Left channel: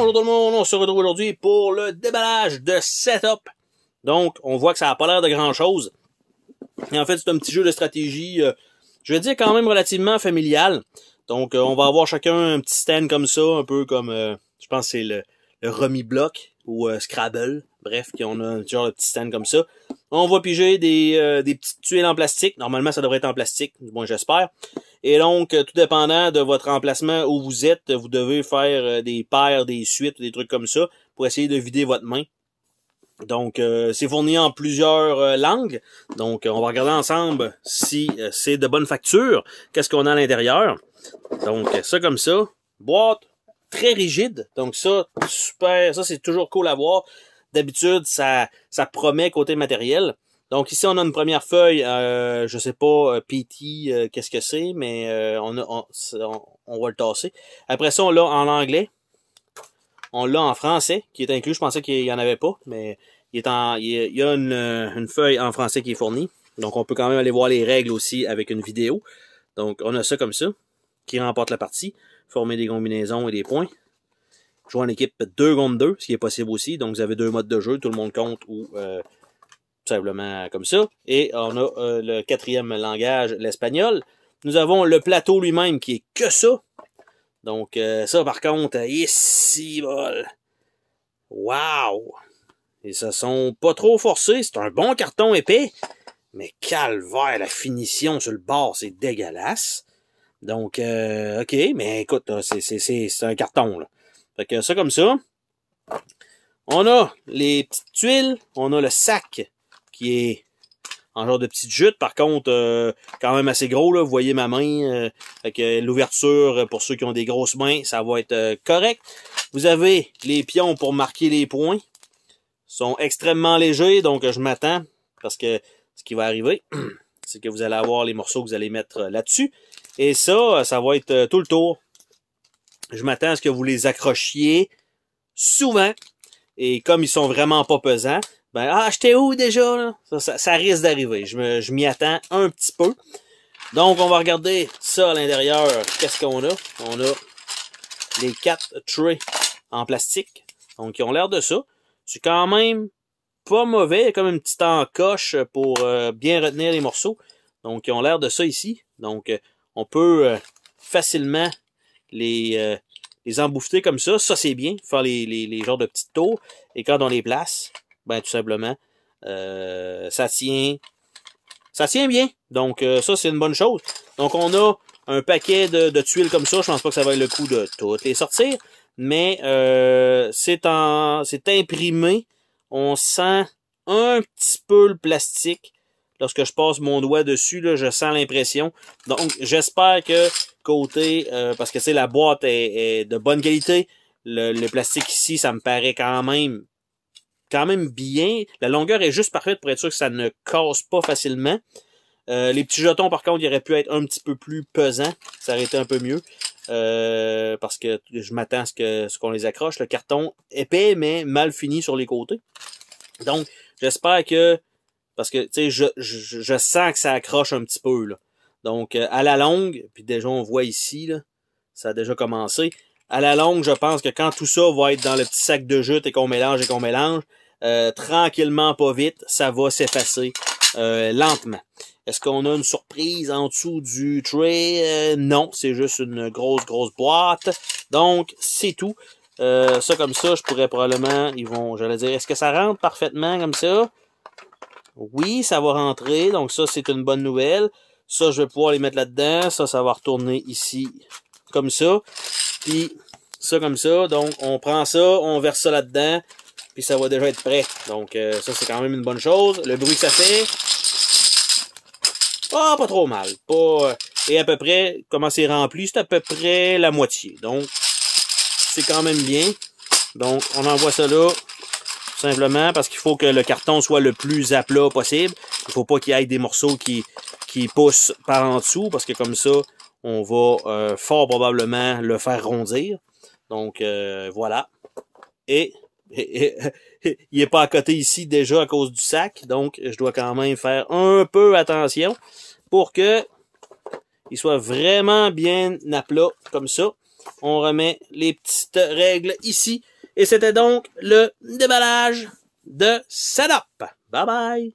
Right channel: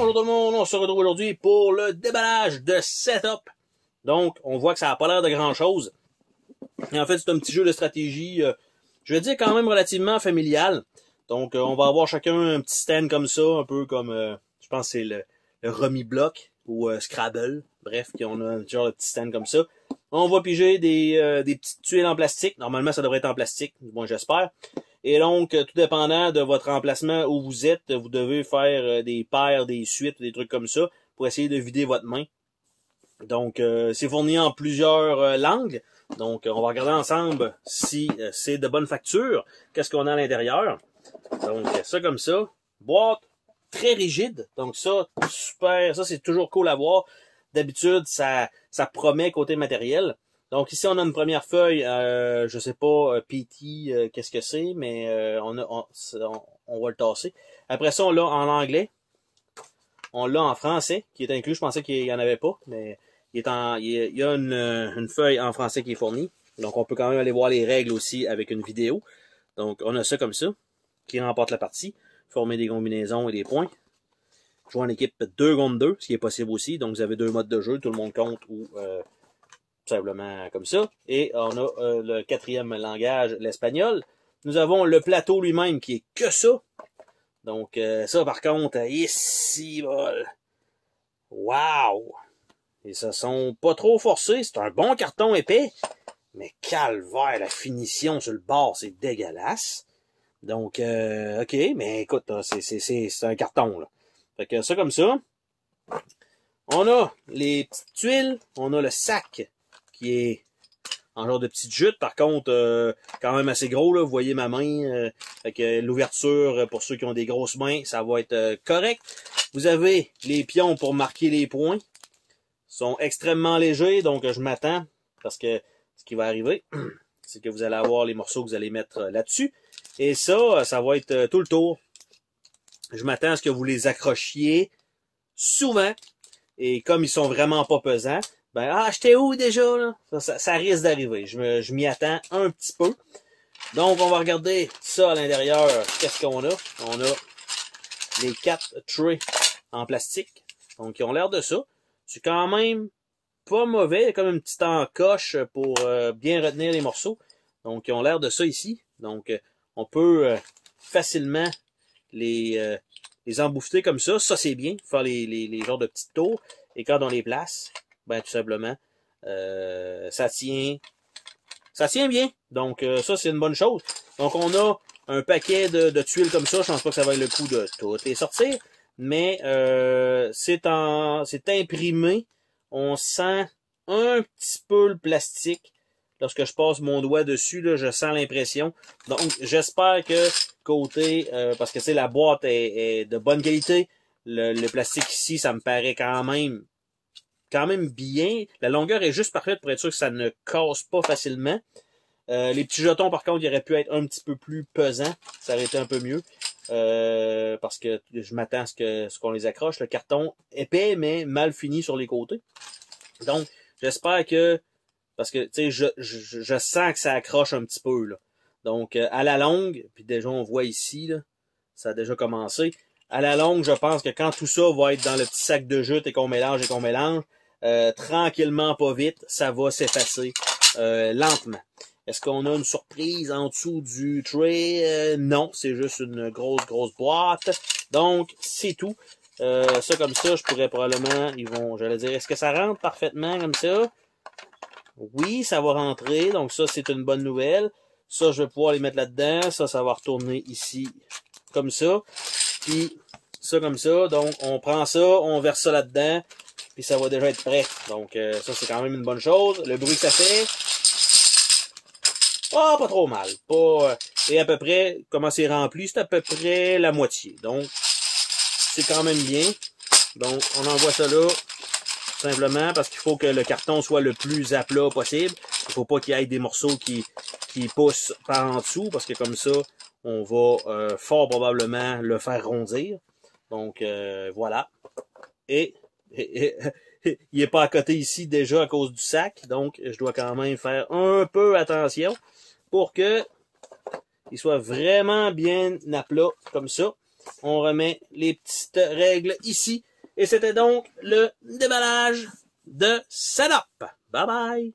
Bonjour tout le monde, on se retrouve aujourd'hui pour le déballage de setup. Donc, on voit que ça n'a pas l'air de grand chose. Et en fait, c'est un petit jeu de stratégie, je vais dire quand même relativement familial. Donc, on va avoir chacun un petit stand comme ça, un peu comme, je pense que c'est le Rummy Block ou Scrabble. Bref, on a un genre de petit stand comme ça. On va piger des petites tuiles en plastique. Normalement, ça devrait être en plastique, du moins j'espère. Et donc, tout dépendant de votre emplacement où vous êtes, vous devez faire des paires, des suites, des trucs comme ça pour essayer de vider votre main. Donc, c'est fourni en plusieurs langues. Donc, on va regarder ensemble si c'est de bonne facture. Qu'est-ce qu'on a à l'intérieur. Donc, ça comme ça. Boîte très rigide. Donc, ça, super. Ça, c'est toujours cool à voir. D'habitude, ça promet côté matériel. Donc ici, on a une première feuille, je sais pas, PT, qu'est-ce que c'est, mais on va le tasser. Après ça, on l'a en anglais. On l'a en français, qui est inclus. Je pensais qu'il n'y en avait pas, mais il y a une feuille en français qui est fournie. Donc on peut quand même aller voir les règles aussi avec une vidéo. Donc on a ça comme ça, qui remporte la partie. Former des combinaisons et des points. Jouer en équipe 2 contre 2, ce qui est possible aussi. Donc vous avez 2 modes de jeu, tout le monde compte ou... tout simplement comme ça. Et on a le quatrième langage, l'espagnol. Nous avons le plateau lui-même qui est que ça. Donc ça par contre, ici, bol. Wow! Et ça sont pas trop forcés. C'est un bon carton épais. Mais calvaire, la finition sur le bord, c'est dégueulasse. Donc, ok, mais écoute, c'est un carton, là. Fait que ça comme ça. On a les petites tuiles. On a le sac qui est en genre de petite jute. Par contre, quand même assez gros, là. Vous voyez ma main. Fait que l'ouverture, pour ceux qui ont des grosses mains, ça va être correct. Vous avez les pions pour marquer les points. Ils sont extrêmement légers, donc je m'attends. Parce que ce qui va arriver, c'est que vous allez avoir les morceaux que vous allez mettre là-dessus. Et ça va être tout le tour. Je m'attends à ce que vous les accrochiez souvent. Et comme ils sont vraiment pas pesants, ben, j'étais où déjà, là? Ça risque d'arriver. Je m'y attends un petit peu. Donc, on va regarder ça à l'intérieur. Qu'est-ce qu'on a? On a les 4 trays en plastique. Donc, ils ont l'air de ça. C'est quand même pas mauvais. Il y a comme une petite encoche pour bien retenir les morceaux. Donc, ils ont l'air de ça ici. Donc, on peut facilement les embouffer comme ça. Ça, c'est bien. Faire les genres de petites tours. Et quand on les place, ben tout simplement, ça tient bien. Donc, ça, c'est une bonne chose. Donc, on a un paquet de tuiles comme ça. Je pense pas que ça va être le coup de toutes les sortir. Mais c'est imprimé. On sent un petit peu le plastique. Lorsque je passe mon doigt dessus, là, je sens l'impression. Donc, j'espère que côté... parce que c'est la boîte est de bonne qualité. Le plastique ici, ça me paraît quand même bien. La longueur est juste parfaite pour être sûr que ça ne casse pas facilement. Les petits jetons, par contre, ils auraient pu être un petit peu plus pesants. Ça aurait été un peu mieux. Parce que je m'attends à ce qu'on les accroche. Le carton épais, mais mal fini sur les côtés. Donc, j'espère que... Parce que, tu sais, je sens que ça accroche un petit peu, là. Donc, à la longue, puis déjà, on voit ici, là, ça a déjà commencé. À la longue, je pense que quand tout ça va être dans le petit sac de jute et qu'on mélange, tranquillement, pas vite, ça va s'effacer lentement. Est-ce qu'on a une surprise en dessous du tray? Non, c'est juste une grosse boîte. Donc, c'est tout. Ça, comme ça, je pourrais probablement, j'allais dire, est-ce que ça rentre parfaitement comme ça? Oui, ça va rentrer. Donc, ça, c'est une bonne nouvelle. Ça, je vais pouvoir les mettre là-dedans. Ça va retourner ici comme ça. Puis, ça comme ça. Donc, on prend ça, on verse ça là-dedans. Puis, ça va déjà être prêt. Donc, ça, c'est quand même une bonne chose. Le bruit que ça fait... pas trop mal. Et à peu près, comment c'est rempli, c'est à peu près la moitié. Donc, c'est quand même bien. Donc, on envoie ça là, simplement parce qu'il faut que le carton soit le plus à plat possible. Il faut pas qu'il y ait des morceaux qui poussent par en dessous, parce que comme ça, on va fort probablement le faire rondir. Donc, voilà. Et il est pas à côté ici déjà à cause du sac, donc je dois quand même faire un peu attention pour que il soit vraiment bien à plat comme ça. On remet les petites règles ici Et c'était donc le déballage de Setup. Bye bye!